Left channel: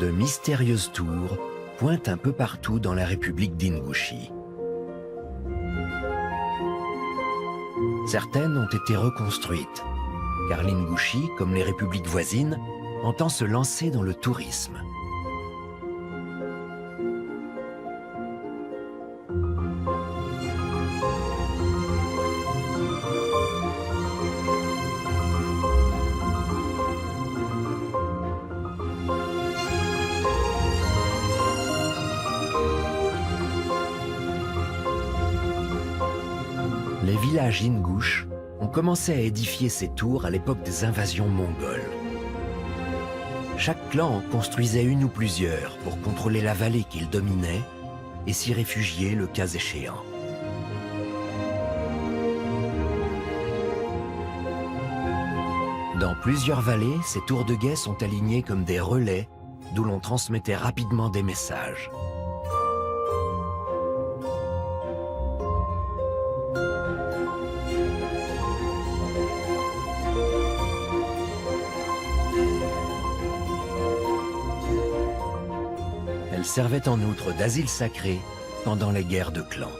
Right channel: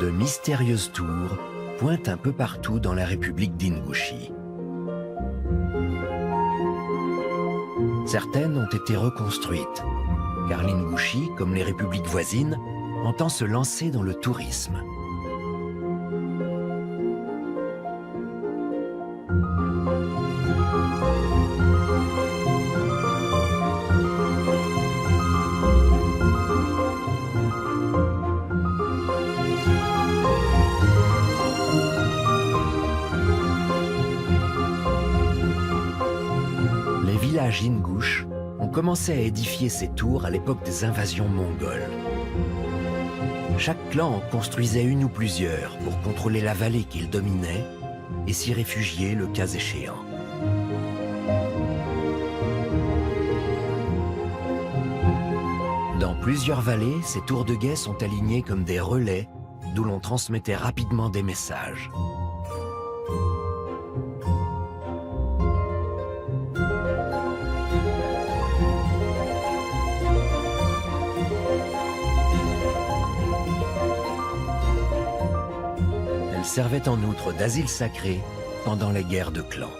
De mystérieuses tours pointent un peu partout dans la République d'Ingouchie. Certaines ont été reconstruites, car l'Ingouchie, comme les républiques voisines, entend se lancer dans le tourisme. Les villages ingouches ont commencé à édifier ces tours à l'époque des invasions mongoles. Chaque clan en construisait une ou plusieurs pour contrôler la vallée qu'il dominait et s'y réfugier le cas échéant. Dans plusieurs vallées, ces tours de guet sont alignées comme des relais d'où l'on transmettait rapidement des messages. Elles servaient en outre d'asile sacré pendant les guerres de clans.